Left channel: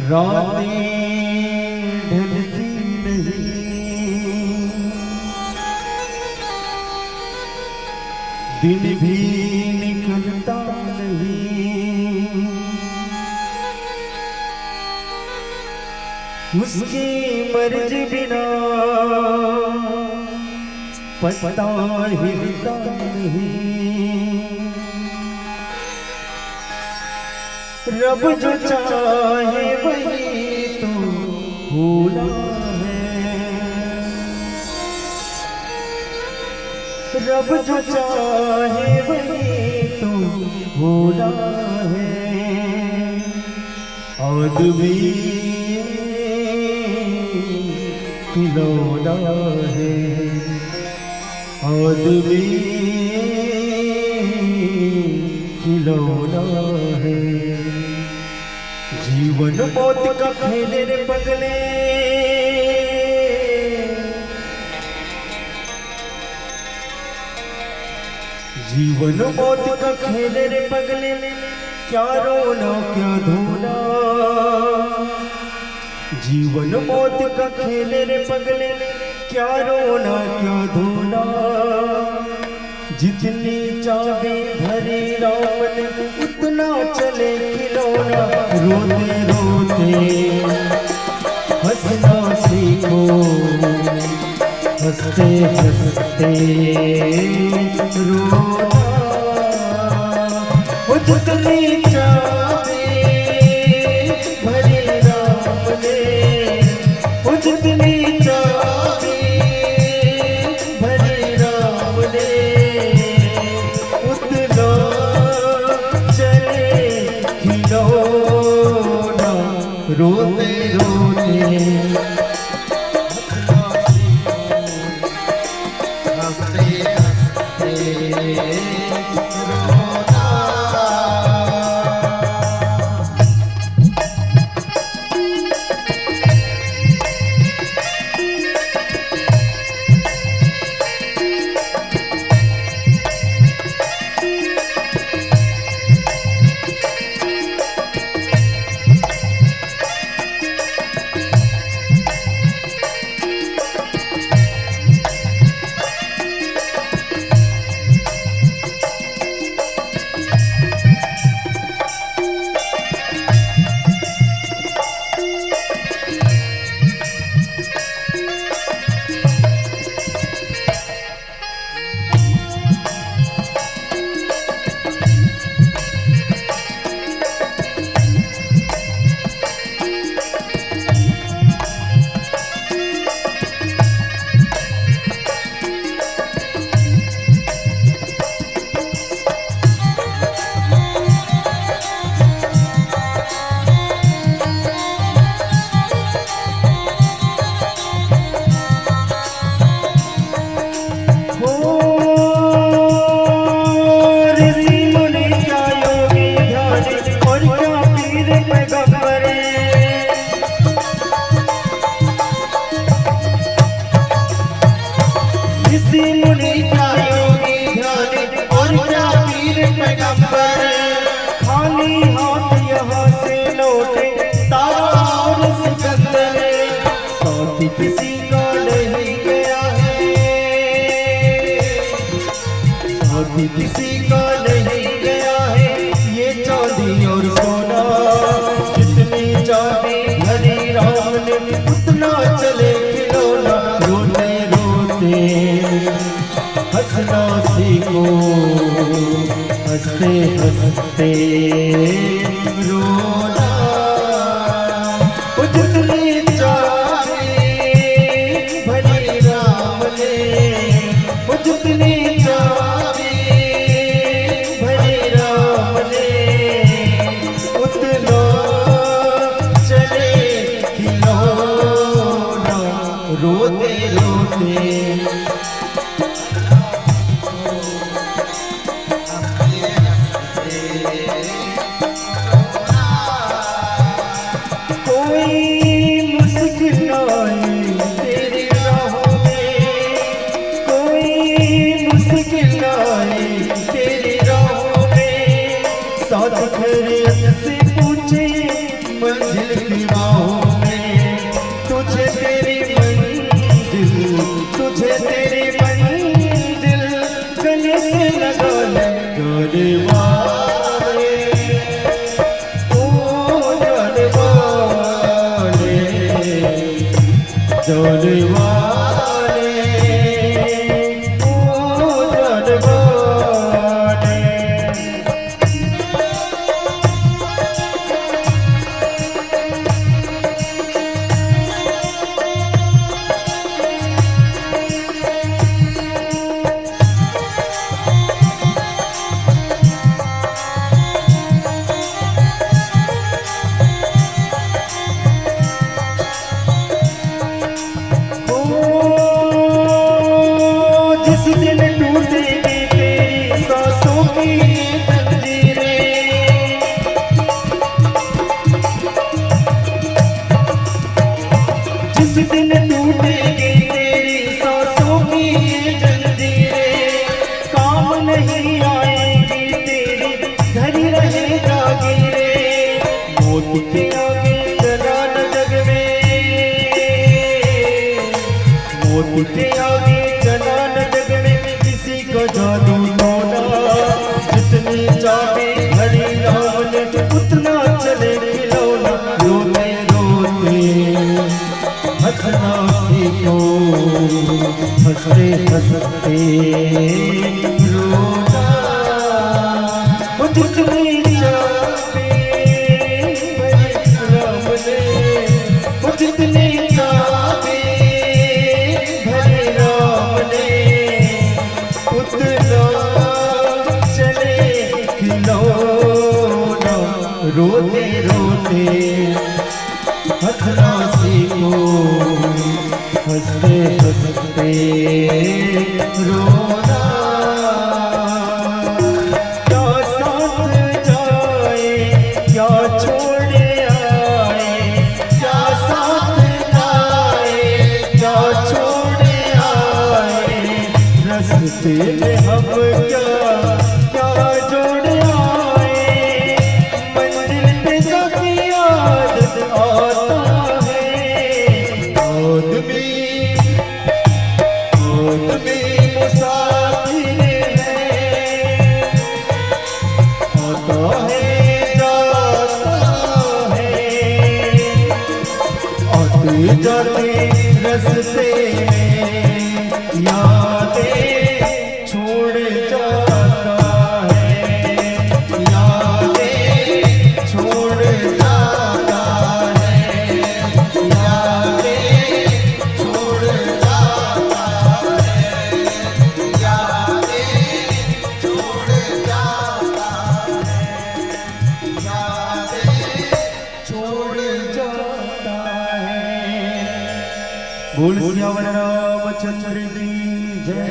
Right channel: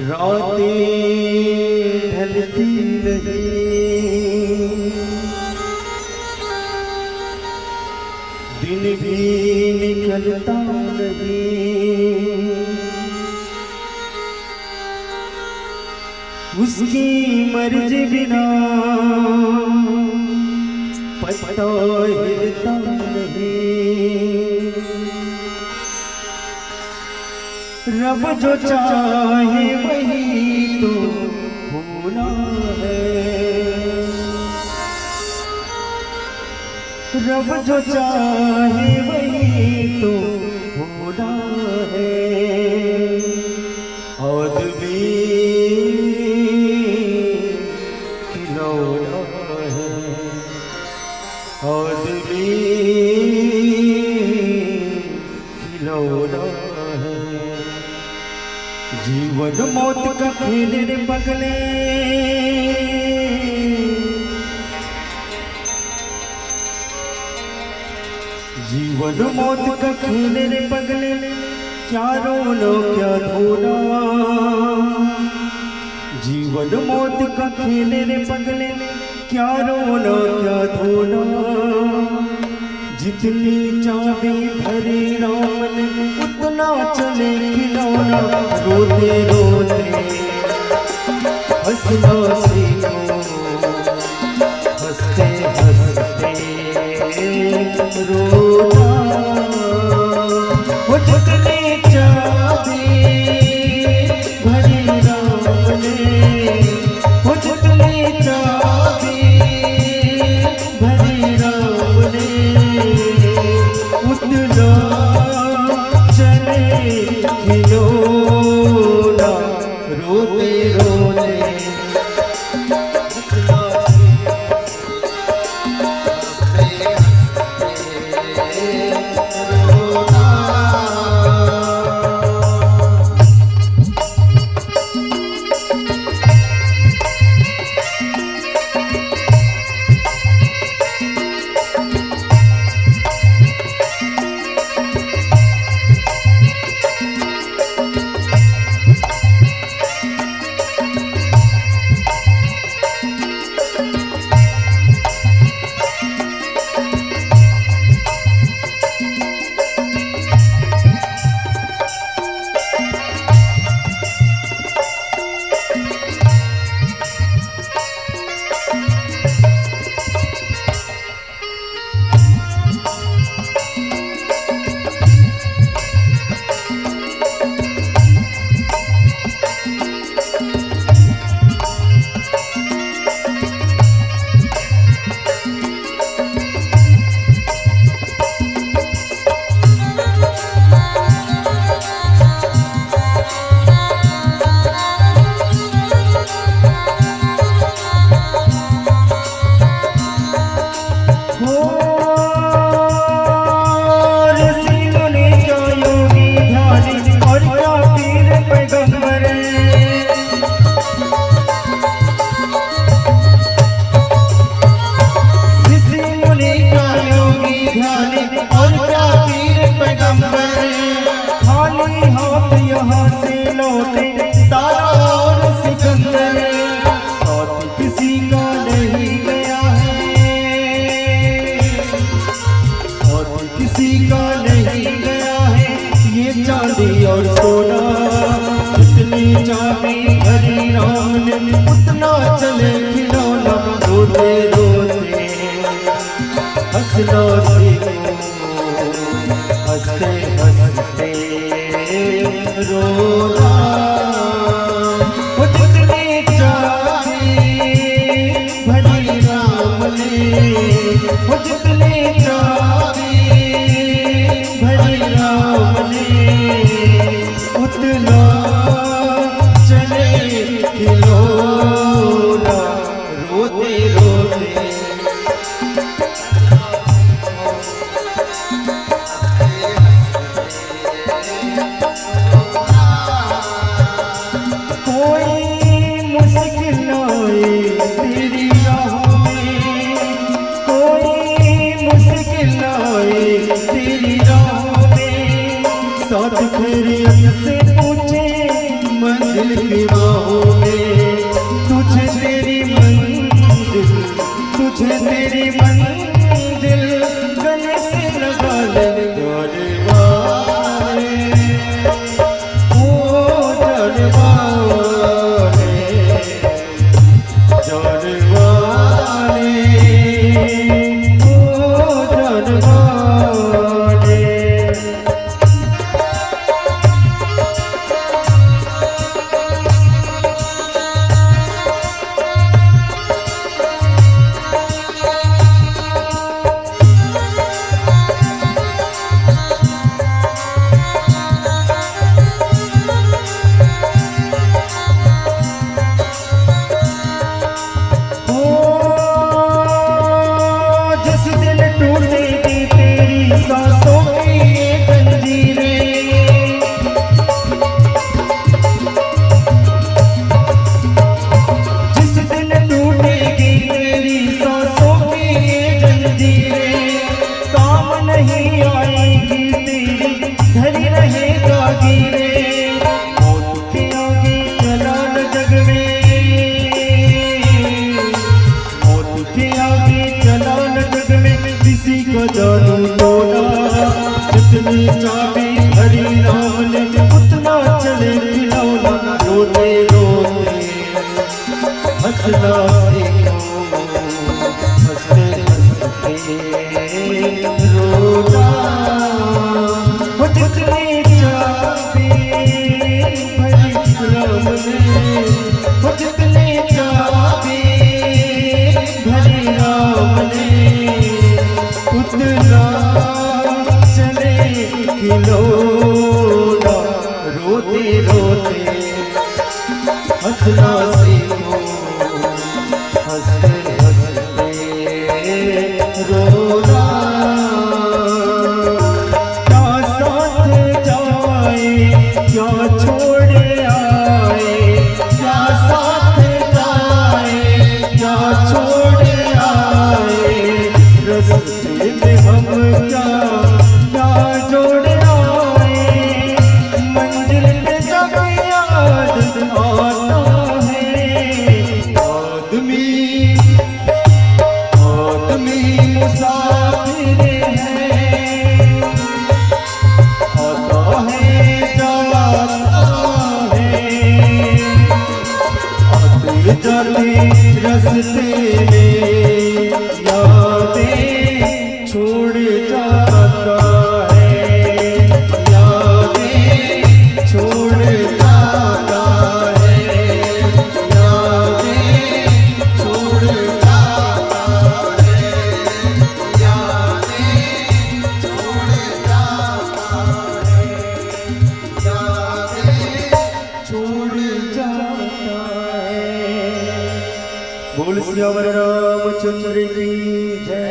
रातें ढलती नहीं, दिन भी निकलता नहीं, उसकी मर्जी बिना पत्ता हिलता नहीं। रब जो चाहे वही तो होना है, रब जो चाहे वही तो होना है। आदमी खिलौना है, आदमी खिलौना है। जीवन मौत का खेल रे पगले, जीवन मौत का खेल रे पगले, क्या रोना क्या धोना। जीवन मौत का खेल रे पगले, क्या रोना क्या धोना। जितनी चाबी भरी राम ने उतना चले खिलौना। रोते रोते हंसना सीखो, हंसते हंसते रोना। वो जितनी चाबी भरी राम ने, वो जितनी चाबी भरी राम ने, उतना चले खिलौना। रोते रोते किसी का नहीं गया है, साथी किसी का नहीं गया है। ये चांदी और सोना, जितनी चाबी भरी राम ने उतना चले खिलौना। रोते रोते हंसना सीखो, हंसते हंसते रोना। वो जितनी चाबी भरी राम ने, वो जितनी चाबी भरी राम ने, उतना चले खिलौना। रोते रोते का जादू टोना, जितनी चाबी हरी राम ने उतना चले खिलौना। रोते रोते हंसना सीखो, हंसते हंसते रोना। वो जितनी चाबी हरी राम ने, वो जितनी चाबी हरी राम ने उतना चले खिलौना। रोते रोते हंसना सीखो, हंसते हंसते रोना। क्या साथ जाए क्या छोड़े आए, क्या साथ जाए क्या छोड़े आए। रस्ते में हम क्या क्या जोड़े आए, मंजिल पे जाके याद आता है। आदमी आदमी मुसाफिर है, आता है जाता है। आते जाते रस्ते में यादें छोड़ जाता है, यादें छोड़ जाता है, यादें छोड़ जाता है, यादें छोड़ जाता है, यादें छोड़ जाता है। बोल सियावर रामचंद्र की जय।